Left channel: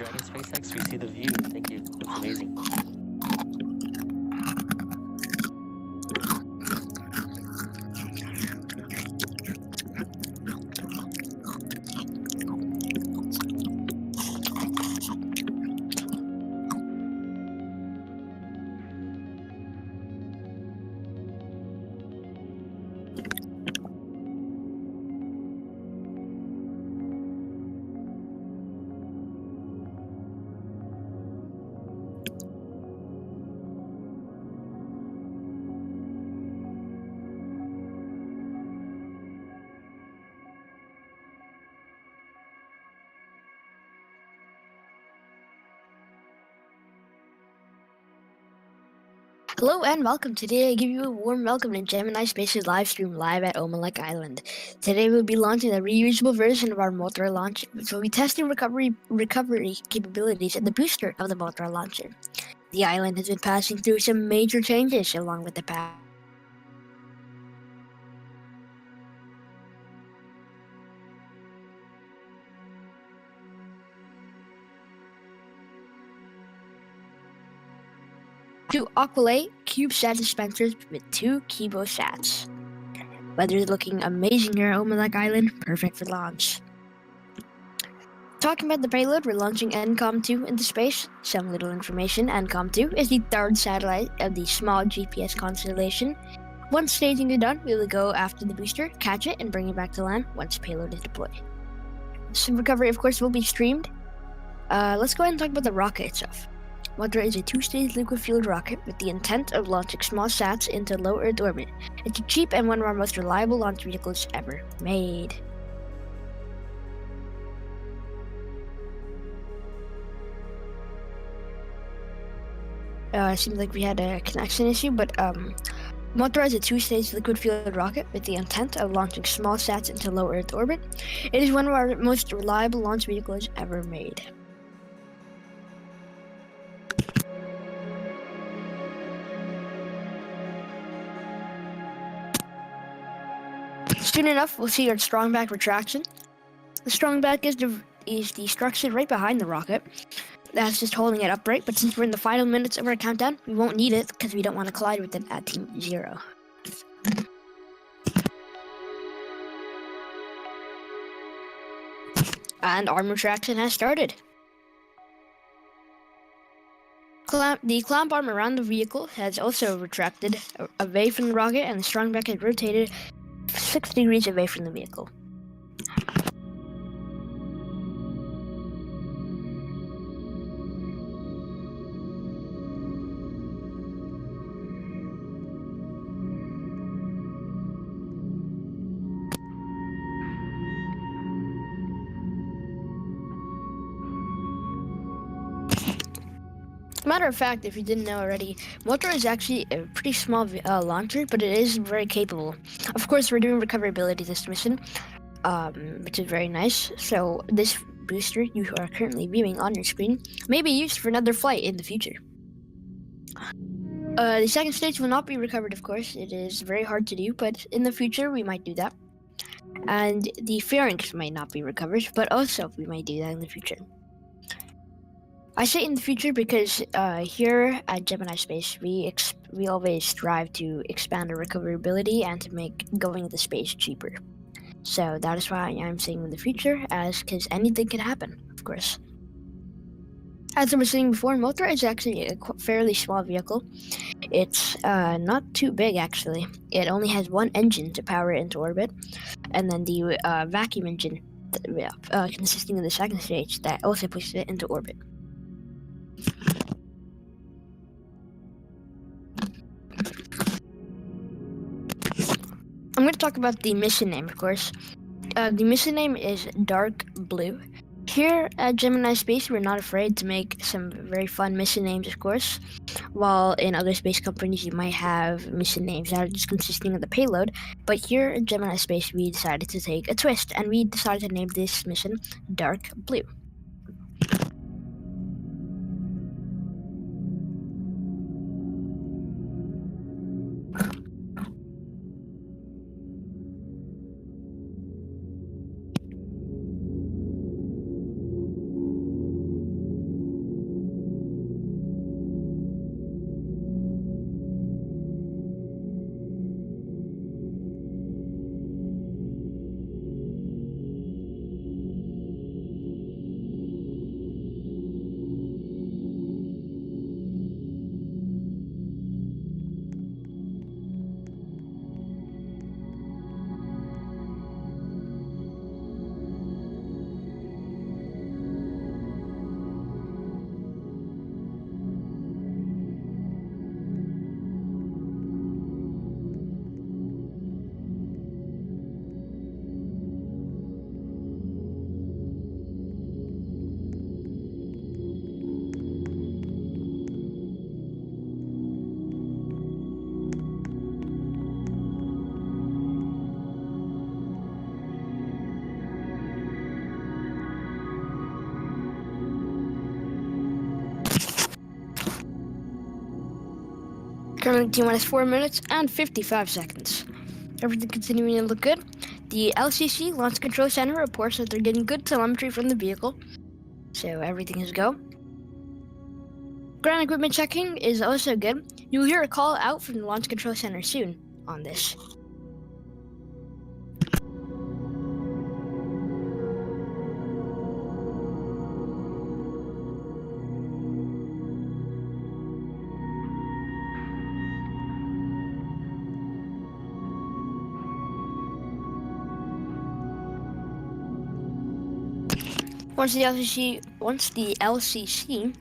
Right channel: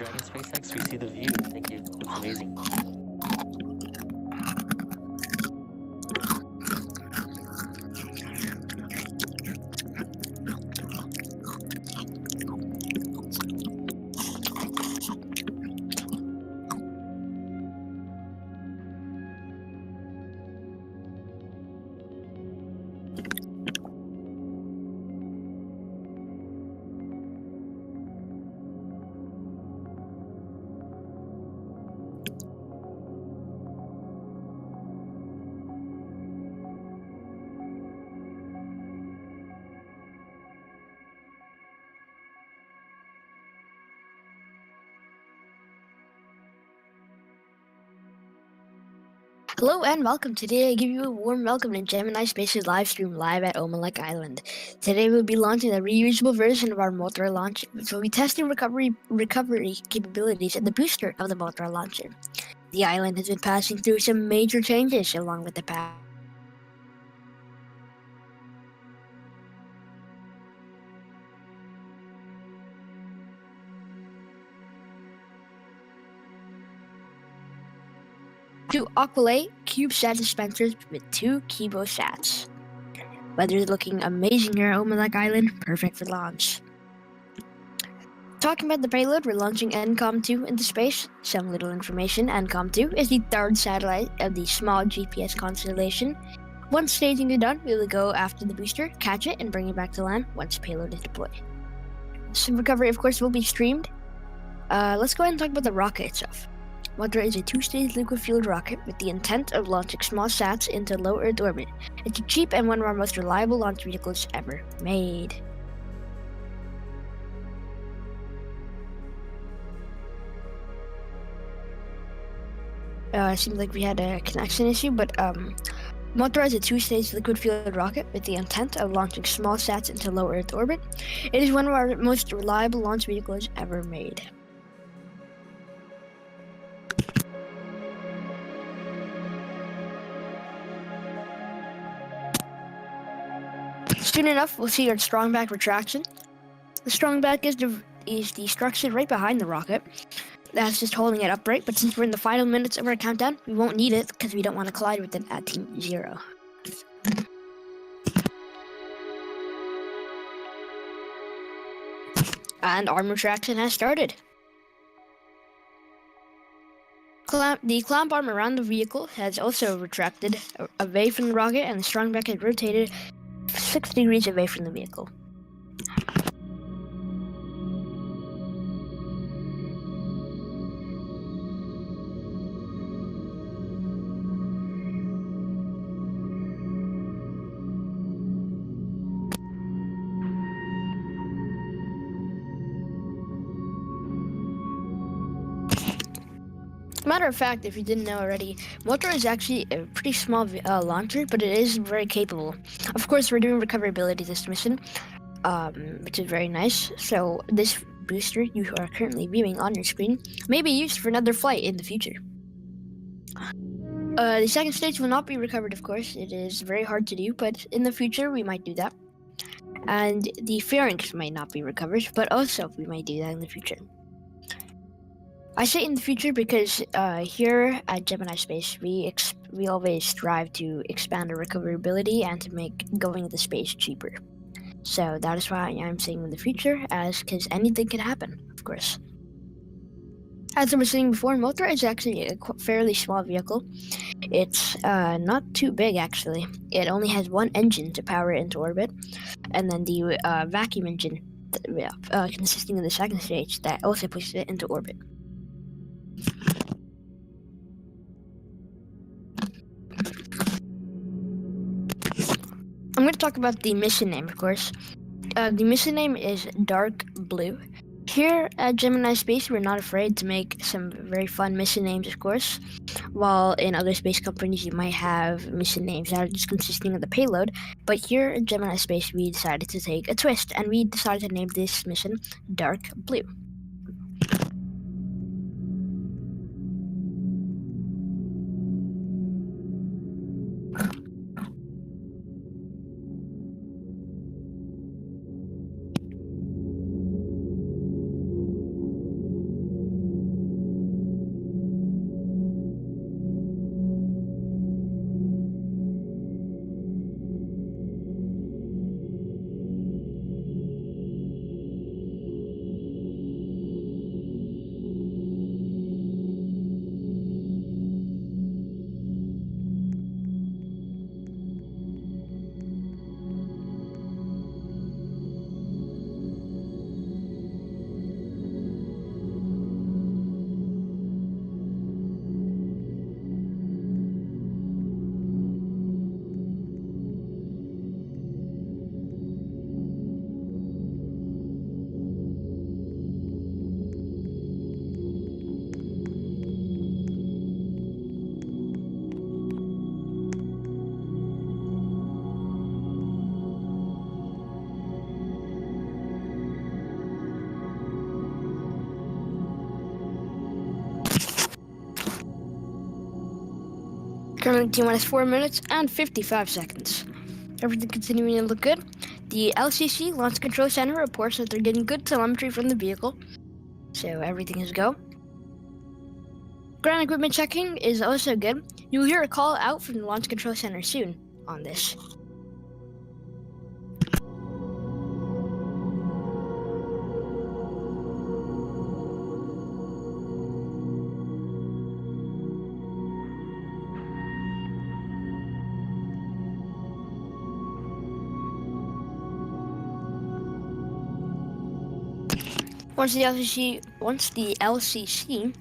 Dragon SpaceX, we see the view. Thank you. That's amazing. Hello and welcome. Today I give you a warm welcome to Gemini Space's live stream live at Omelek Island. Today we'll be launching a reusable version of our motor launcher, which will be testing recovery capabilities and the booster of the motor launcher. The island has been passing through some major changes along with the past. Two Aqualay CubeSat dispensers with 2 KiboSats. Weather's looking amazing here at Omelek Island, perfect for launch. Talking about the payload, we're launching NCOM-2 into space. Some little information, NCOM-2 is the 3rd satellite of the small GPS constellation. Once staging is done, we will go after the booster, catch it, and bring it back to land once payload is deployed. Some recovery, of course, will be streamed. Let's go ahead and talk about the rocket itself. Motor is a 2-stage liquid-fueled rocket with the intent of launching small sats into low Earth orbit. It's a cheap and one of our most reliable launch vehicles ever made. Seems like we had a connection issue, but Motor is a 2-stage liquid-fueled rocket with the intent of launching small sats into low Earth orbit. It is one of our most reliable launch vehicles ever made. Soon enough, we'll see our strong back retraction. The strong back is the structure right behind the rocket. That's just holding it upright, but since we're in the final minutes of our countdown, we won't need it because we don't want to collide with it at Team 0. And arm retraction has started. The clamp arm around the vehicle has also retracted away from the rocket, and the strong back has rotated 6 degrees away from the vehicle. Matter of fact, if you didn't know already, Motor is actually a pretty small launcher, but it is very capable. Of course, we're doing recoverability this mission, which is very nice. So this booster you are currently viewing on your screen may be used for another flight in the future. The second stage will not be recovered, of course. It is very hard to do, but in the future we might do that. And the pharynx might not be recovered, but also we might do that in the future. I say in the future because here at Gemini Space, we always strive to expand our recoverability and to make going into space cheaper. So that is why I'm saying in the future, because anything can happen, of course. As I was saying before, Motor is actually a fairly small vehicle. It's not too big, actually. It only has one engine to power it into orbit, and then the vacuum engine consisting of the second stage that also pushes it into orbit. I'm going to talk about the mission name, of course. The mission name is Dark Blue. Here at Gemini Space, we're not afraid to make some very fun mission names, of course. While in other space companies, you might have mission names that are just consisting of the payload. But here at Gemini Space, we decided to take a twist, and we decided to name this mission Dark Blue. Currently T-minus 4 minutes and 55 seconds. Everything continuing to look good. The LCC, Launch Control Center, reports that they're getting good telemetry from the vehicle. So everything is go. Ground equipment checking is also good. You'll hear a call out from the Launch Control Center soon on this. Once the LCC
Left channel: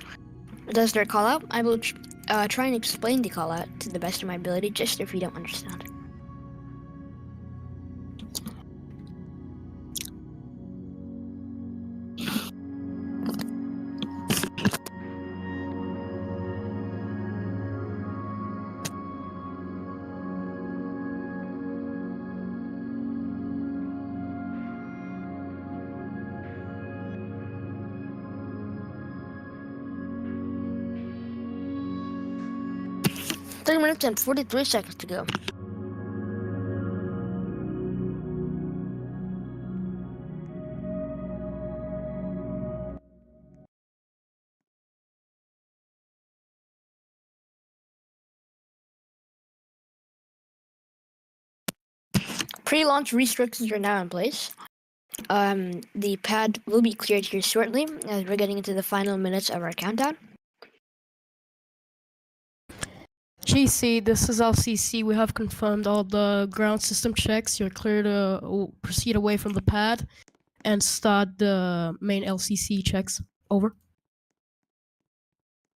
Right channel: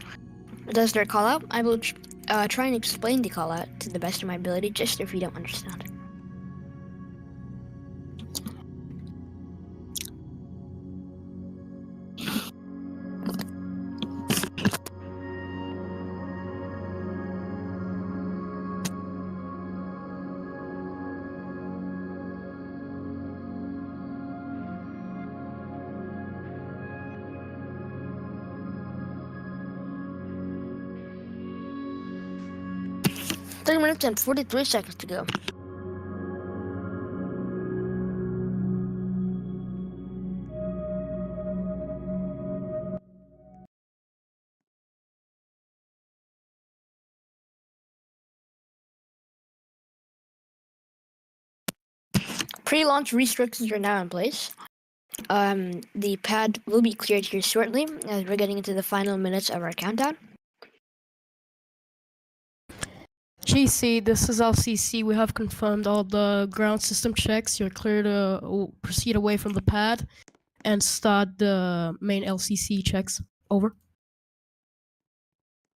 does their call out, I will try and explain the call out to the best of my ability, just if you don't understand. Three minutes and 43 seconds to go. Pre-launch restrictions are now in place. The pad will be cleared here shortly as we're getting into the final minutes of our countdown. GC, this is LCC. We have confirmed all the ground system checks. You're clear to proceed away from the pad and start the main LCC checks. Over.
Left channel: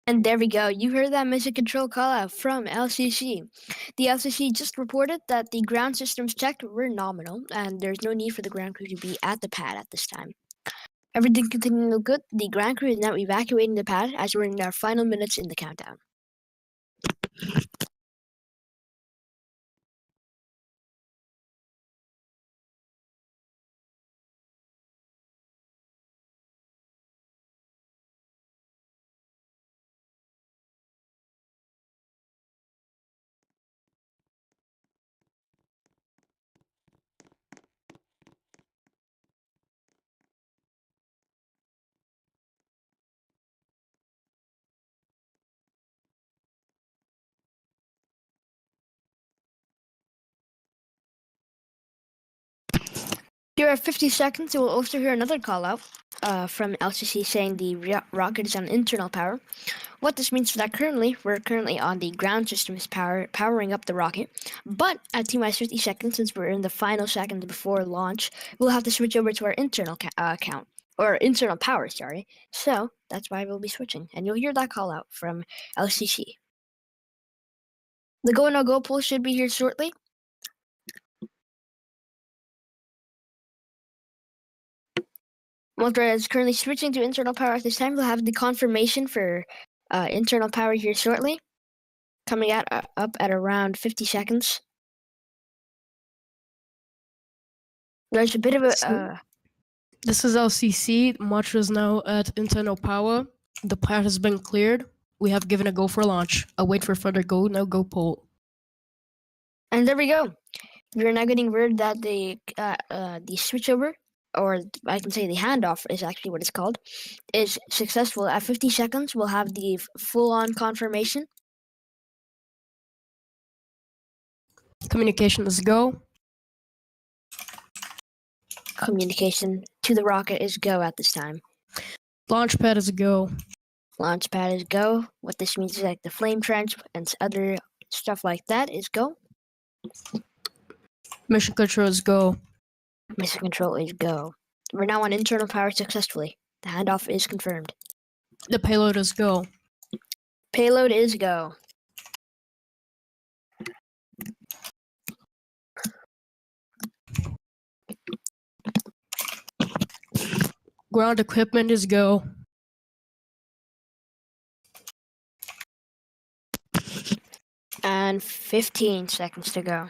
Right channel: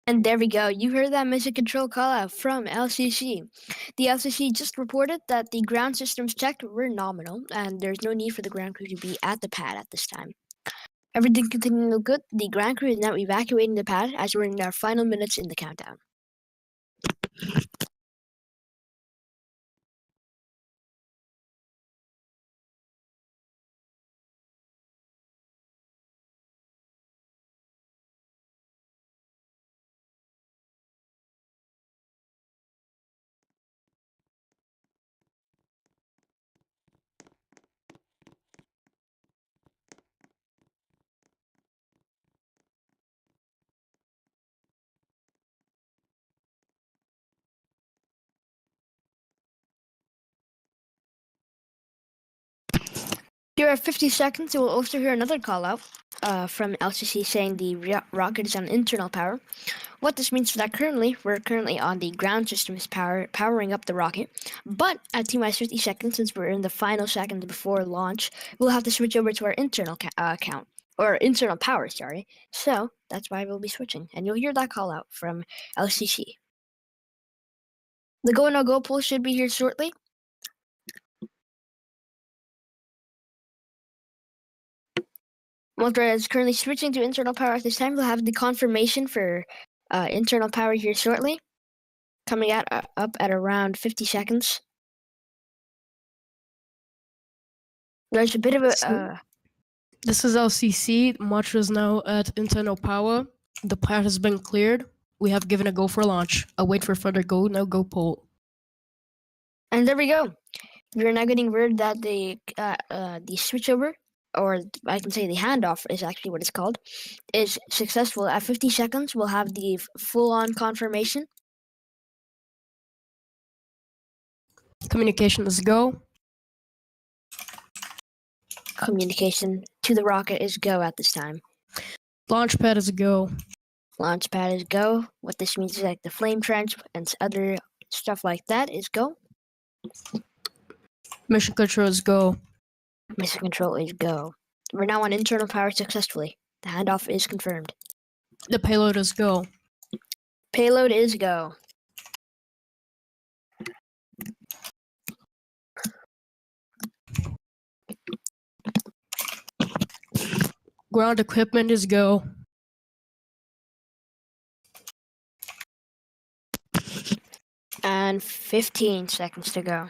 And there we go. You heard that mission control call out from LCC. The LCC just reported that the ground systems checked were nominal and there's no need for the ground crew to be at the pad at this time. Everything continuing to look good. The ground crew is now evacuating the pad as we're in our final minutes in the countdown. Here at 50 seconds, you will also hear another call out from LCC saying the rocket is on internal power. What this means is that we're currently on the ground systems powering up the rocket, but at T-minus 50 seconds, since we're in the final seconds before launch, we'll have to switch over to our internal internal power, sorry. So that's why we'll be switching, and you'll hear that call out from LCC. The go no go poll should be here shortly. Motor is currently switching to internal power at this time. We'll have the confirmation for internal power here shortly, coming up at around 50 seconds. There's a bit of a... This is LCC. Motor is now at internal power. The pad has been cleared. We have given a go for launch. I'll wait for further go, no go poll. And there we go. We're now getting word that the switchover, or I can say the handoff is actually what it's called, is successful. At 50 seconds, we'll have the full-on confirmation. Communication is go. Communication to the rocket is go at this time. Launch pad is go. Launch pad is go. What this means is like the flame trench and other stuff like that is go. Mission control is go. Mission control is go. We're now on internal power successfully. The handoff is confirmed. The payload is go. Payload is go. Ground equipment is go. And 15 seconds to go.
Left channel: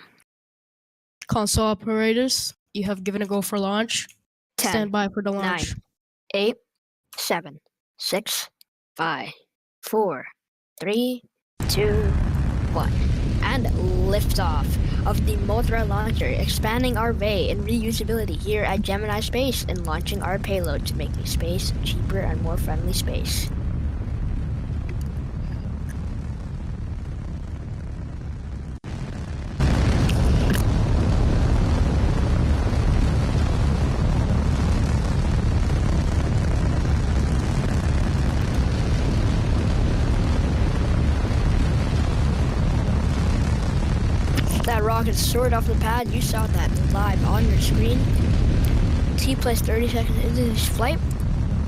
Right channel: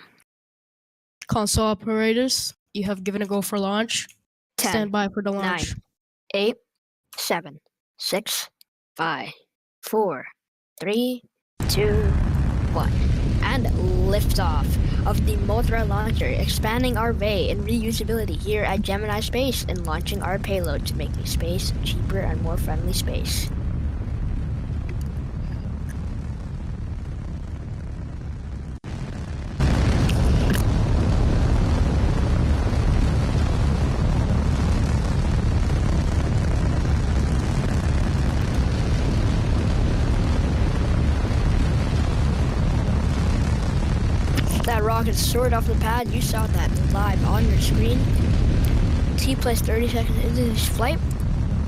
Console operators, you have given a go for launch. 10, Stand by for the launch. 9, 8, 7, 6, 5, 4, 3, 2, 1. And liftoff of the Mothra launcher, expanding our way in reusability here at Gemini Space and launching our payload to make space cheaper and more friendly space. That rocket soared off the pad. You saw that live on your screen. T plus 30 seconds into this flight.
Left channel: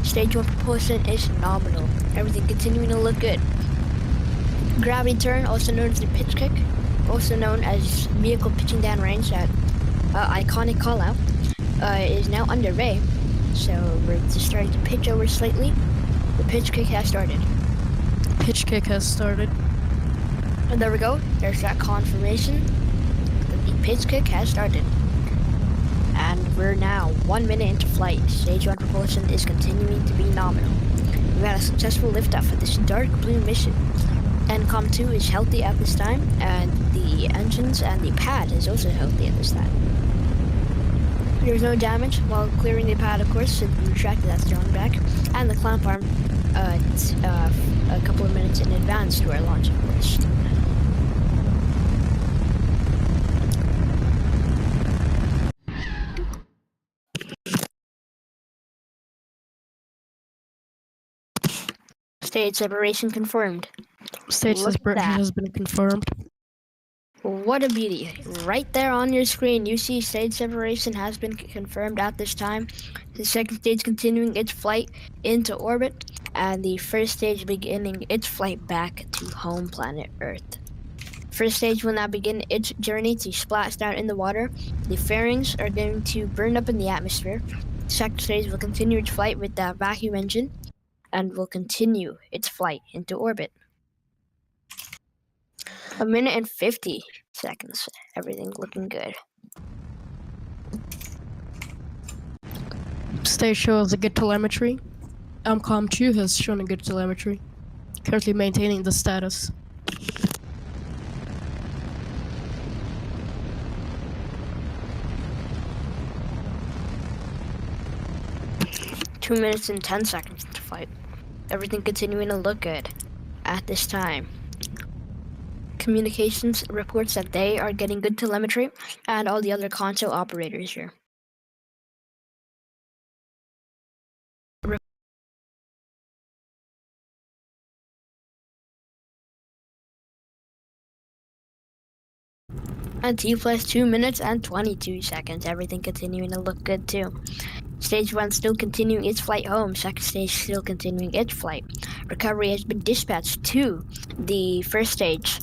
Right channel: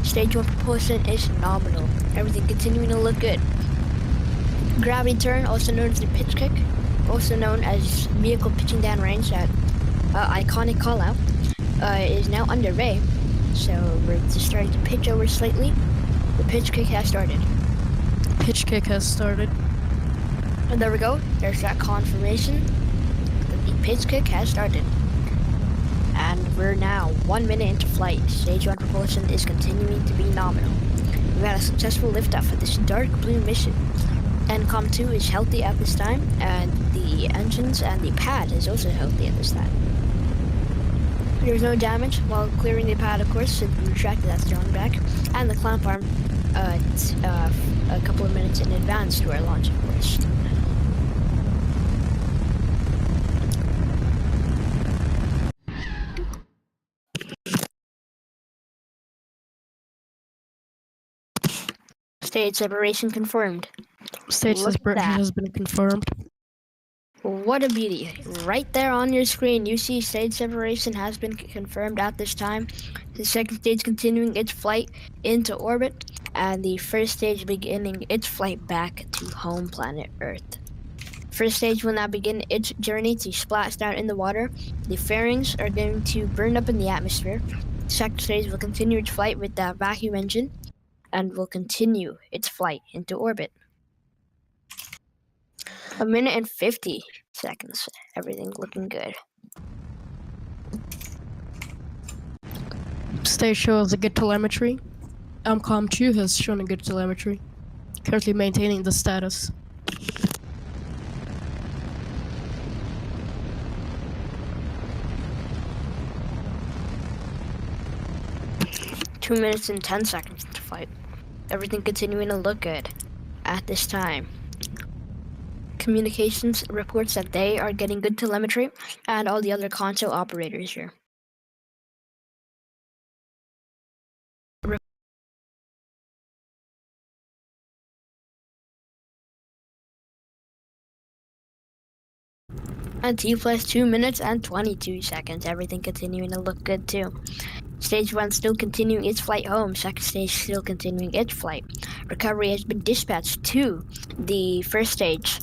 Stage 1 propulsion is nominal. Everything continuing to look good. Gravity turn, also known as the pitch kick, also known as vehicle pitching down range, that iconic call out, is now underway. So we're just starting to pitch over slightly. The pitch kick has started. Pitch kick has started. And there we go. There's that confirmation. The pitch kick has started. And we're now 1 minute into flight. Stage 1 propulsion is continuing to be nominal. We've had a successful liftoff for this dark blue mission. NCOM 2 is healthy at this time, and the engines and the pad is also healthy at this time. There's no damage while clearing the pad, of course, since we retracted that strong back, and the clamp arm a couple of minutes in advance to our launch, of course. Stage separation confirmed. Stage Look at separation that. has been confirmed. What a beauty. Right there on your screen, you see stage separation has been confirmed at this time. The second stage continuing its flight into orbit, and the first stage beginning its flight back to home planet Earth. First stage will now begin its journey to splash down in the water. The fairings are going to burn up in the atmosphere. Second stage will continue its flight with that vacuum engine, and will continue its flight into orbit. 1 minute and 50 seconds. Everything looking good. Stage shows a good telemetry. NCOM 2 has shown a good telemetry. Currently maintaining the status. Two minutes and 10 seconds to flight. Everything continuing to look good at this time. Communications reports that they are getting good telemetry, and all the other console operators here. And T plus 2 minutes and 22 seconds. Everything continuing to look good too. Stage 1 still continuing its flight home. Second stage still continuing its flight. Recovery has been dispatched to the first stage.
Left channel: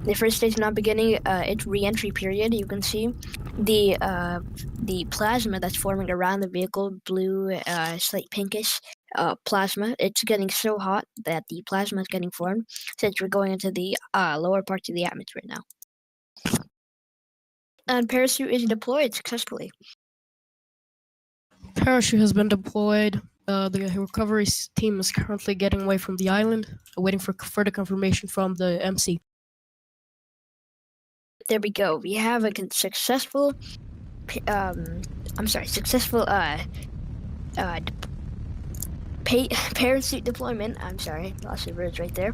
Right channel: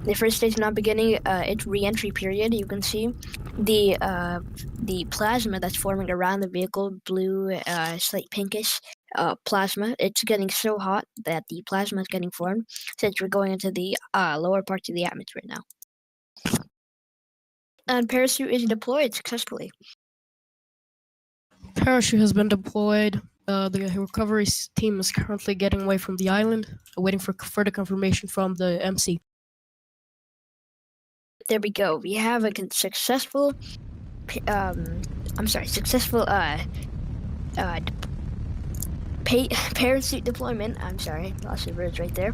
The first stage now beginning its re-entry period. You can see the plasma that's forming around the vehicle, blue, slight pinkish plasma. It's getting so hot that the plasma is getting formed, since we're going into the lower parts of the atmosphere now. And parachute is deployed successfully. Parachute has been deployed. The recovery team is currently getting away from the island, waiting for further confirmation from the MC. There we go. We have a successful parachute deployment. I'm sorry, lost the words right there.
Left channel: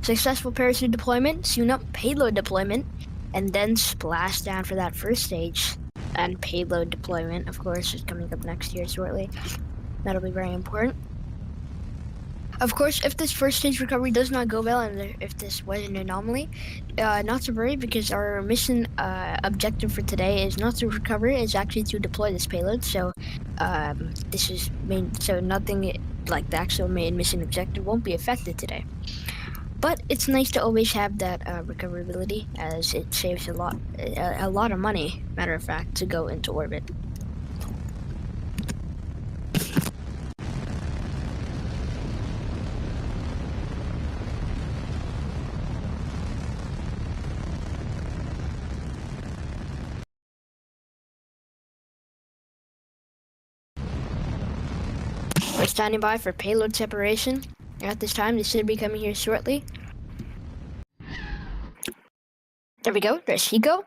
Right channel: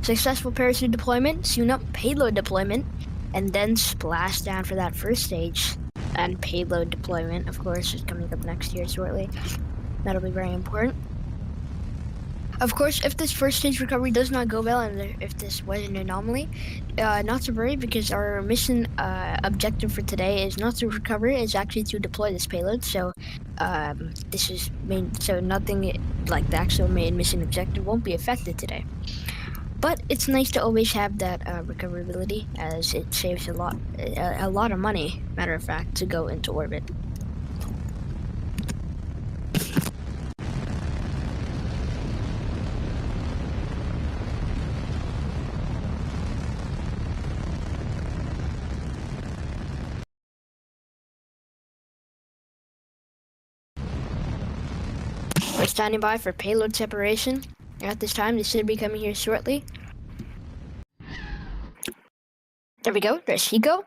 Successful parachute deployment, soon up payload deployment, and then splash down for that first stage. And payload deployment, of course, is coming up next year shortly. That'll be very important. Of course, if this first stage recovery does not go well, and if this was an anomaly, not to worry, because our mission objective for today is not to recover; it's actually to deploy this payload. So, this is so nothing like the actual main mission objective won't be affected today. But it's nice to always have that recoverability, as it saves a lot of money. Matter of fact, to go into orbit. We're standing by for payload separation. At this time, they should be coming here shortly. There we go. There's Hiko.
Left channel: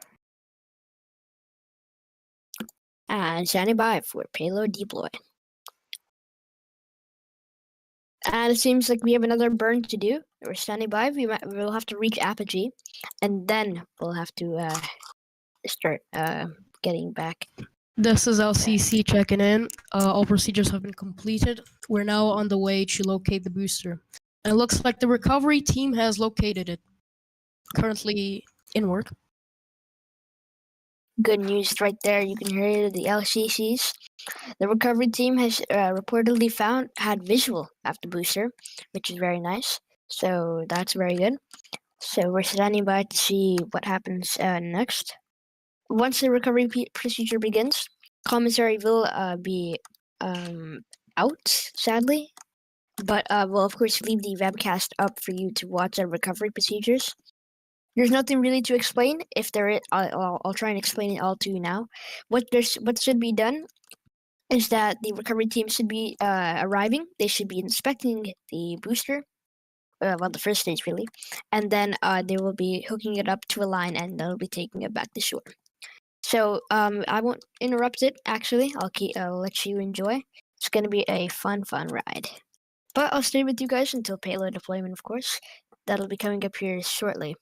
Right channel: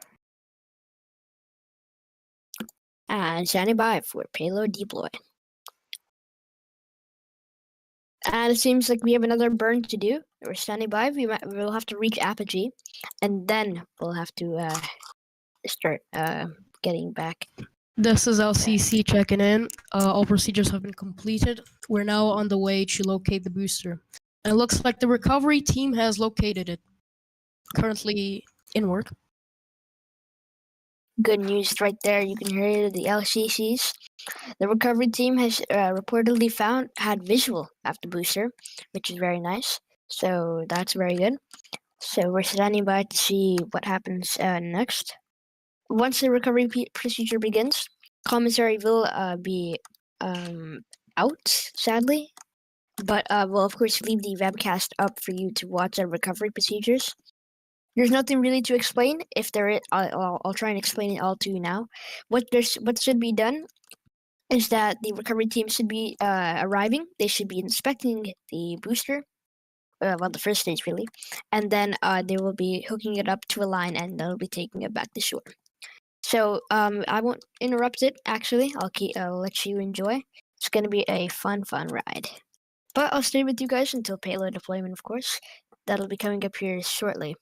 And standing by for payload deploy. And it seems like we have another burn to do. We're standing by. We'll have to reach apogee, and then we'll have to start getting back. This is LCC checking in. All procedures have been completed. We're now on the way to locate the booster. And it looks like the recovery team has located it. Currently in work. Good news right there. You can hear the LCCs. The recovery team has reportedly had visual of the booster, which is very nice. So that's very good. So we're standing by to see what happens next. Once the recovery procedure begins, commissary will be out, sadly. But we'll of course leave the webcast up for you to watch our recovery procedures. There's nothing really to explain. If there is, I'll try and explain it all to you now. What should be done is that the recovery team should be arriving. They should be inspecting the booster, well, the first stage really, and then they will be hooking it up to a line, and they'll be taking it back to shore. So I won't interrupt it. Actually, I'll let you enjoy. It's gonna be a fun ride. But I'll stay with you guys until payload deployment, of course. That'll be coming up here shortly.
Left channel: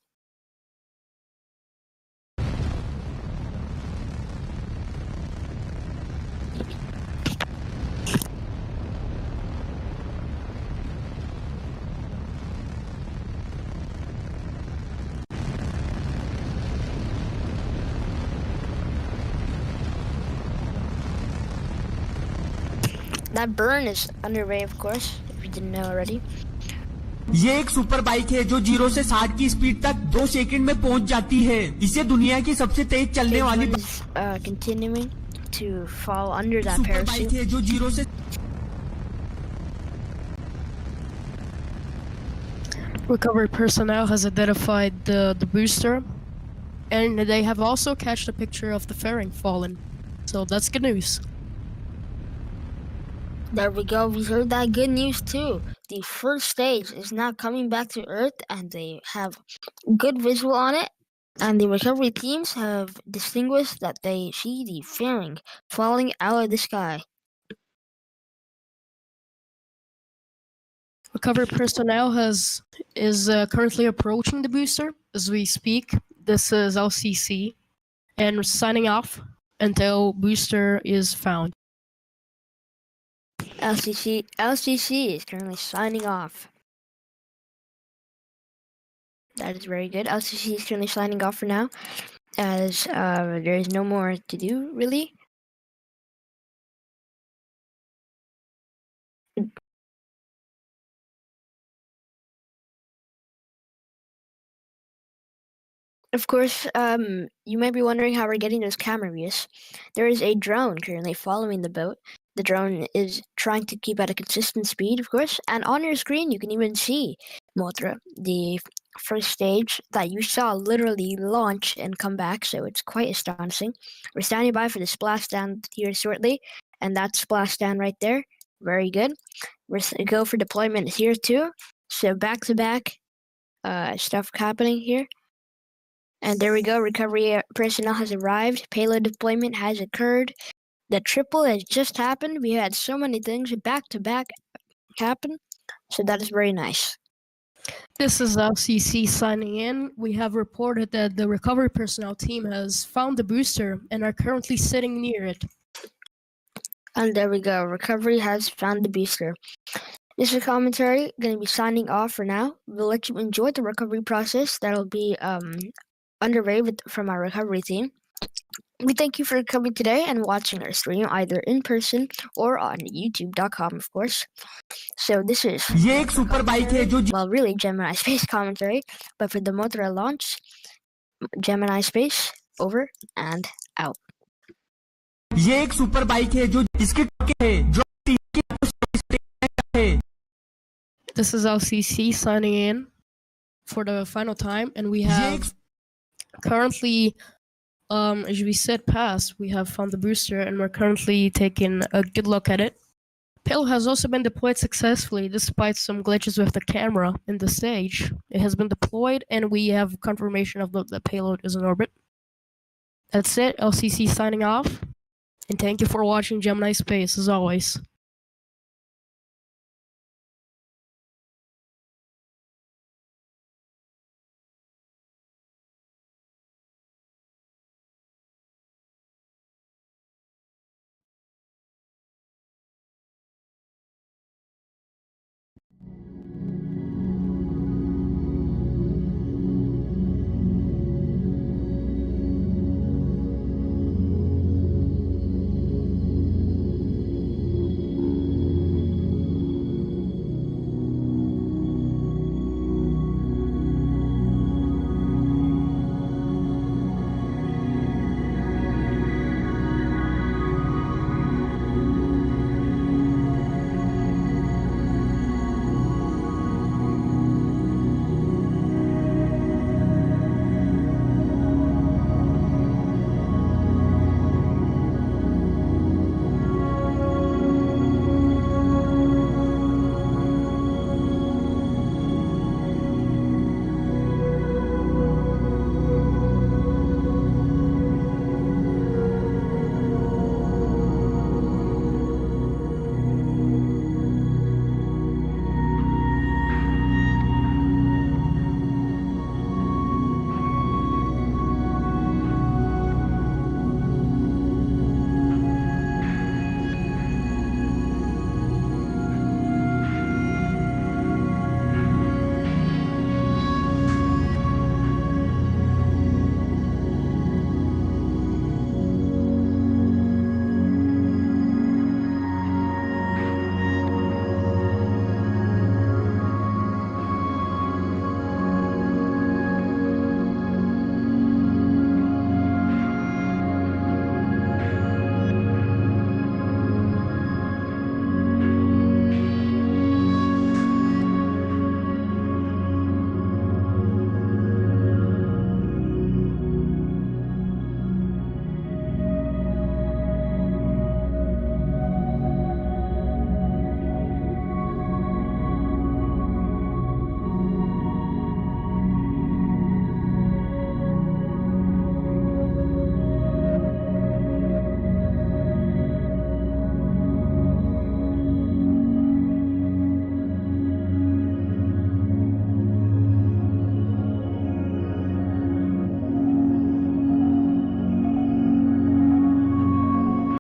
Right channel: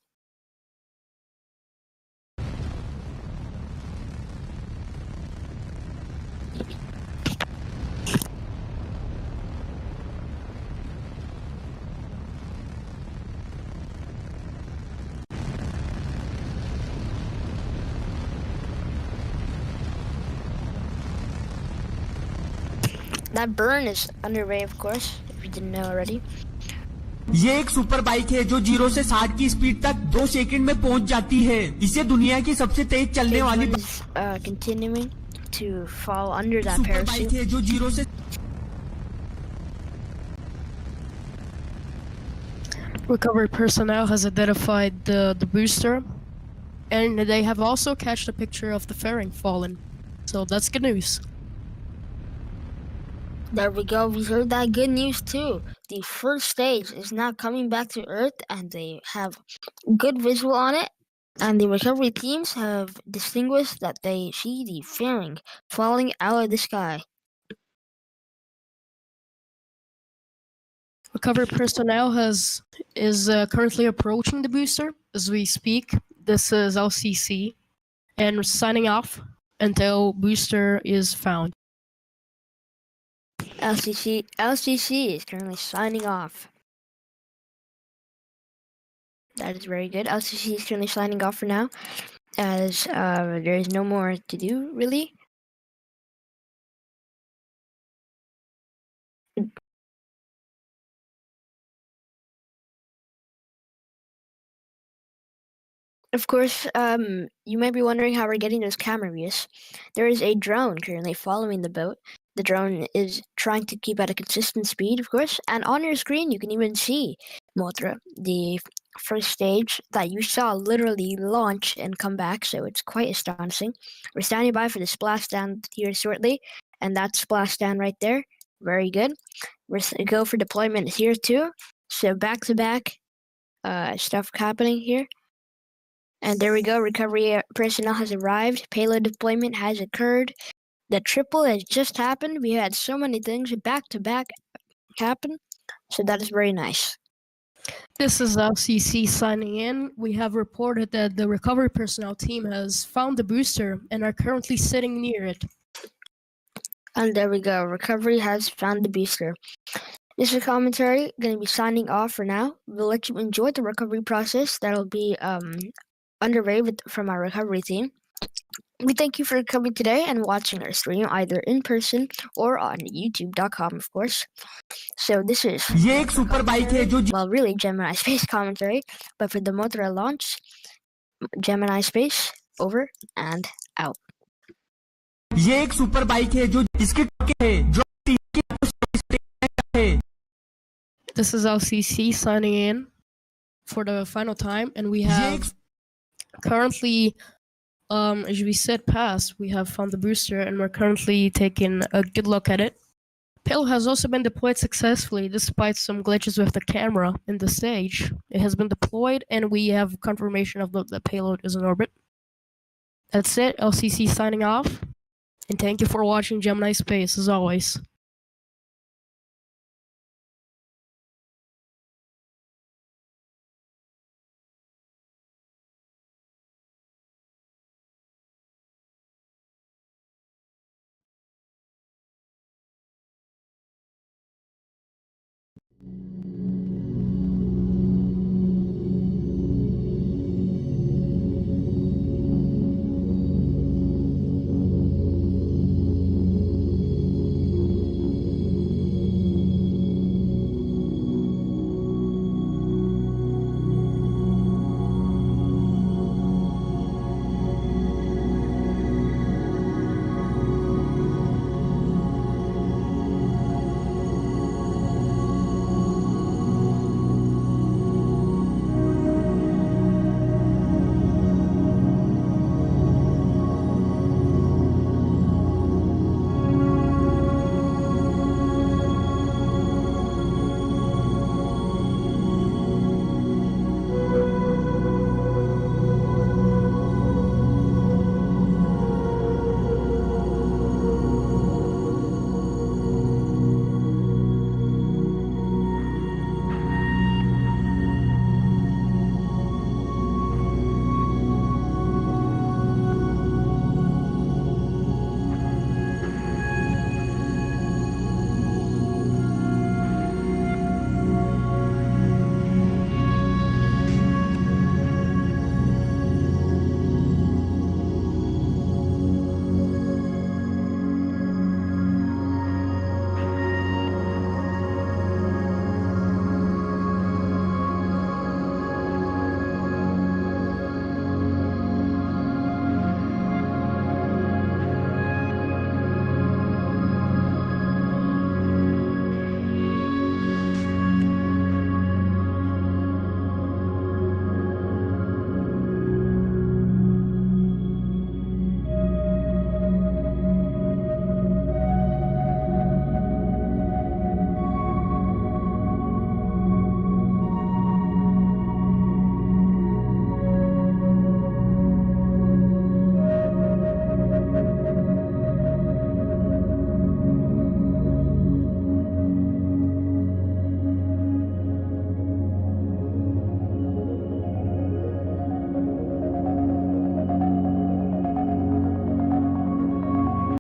That burn is underway, of course, if you didn't know already. ये एक super bike है जो 0 से 60 की speed तक 2 second में पहुंच जाती है। इसे दुनिया की सबसे तेज चलने वाली continuing to fall under that super bike है जो 0 से Recovery personnel has identified the booster, and they have also catched a picture of the fairing fallen. So that's good news. There we go. We heard that good news too. The first stage is now coming back to Earth, and they have good visual on it. And the recovery teams have distinguished that they see the fairing falling out of the sky. Recovery personnel is currently approaching the booster as we speak. This is LCC, and we're signing off until booster is found. LCC is currently signing off. That is very good. LCC is currently signing off for now, as there is no more to do, really. Of course, you might be wondering how we're getting those camera views. There is a drone currently following the boat. The drone is trying to keep at a consistent speed, of course, and on your screen you can even see Mothra, the first stage that you saw literally launch and come back, so it's quite astonishing. We're standing by for the splashdown here shortly, and that splashdown right there, very good. We're go for deployment here too, so back-to-back stuff happening here. And there we go, recovery personnel has arrived, payload deployment has occurred, the triple has just happened. We had so many things back-to-back happen, so that is very nice. This is LCC signing in. We have reported that the recovery personnel team has found the booster and are currently sitting near it. And there we go, recovery has found the booster. This is commentary, going to be signing off for now. We'll let you enjoy the recovery process. That'll be underway from our recovery team. We thank you for coming today and watching our stream either in person or on youtube.com, of course. So this is ये एक super bike है जो well, really Gemini Space commentary, but for the Mothra launch, Gemini Space over and out. ये एक super bike है जो इसके है जो This is LCC signing in for the final time, and we have currently, as we said past, we have found the booster, and we're currently taking a good look at it. Payload has also been deployed successfully despite some glitches with the camera in the stage. It has been deployed and we have confirmation of the payload is in orbit. That's it, LCC signing off. And thank you for watching Gemini Space as always.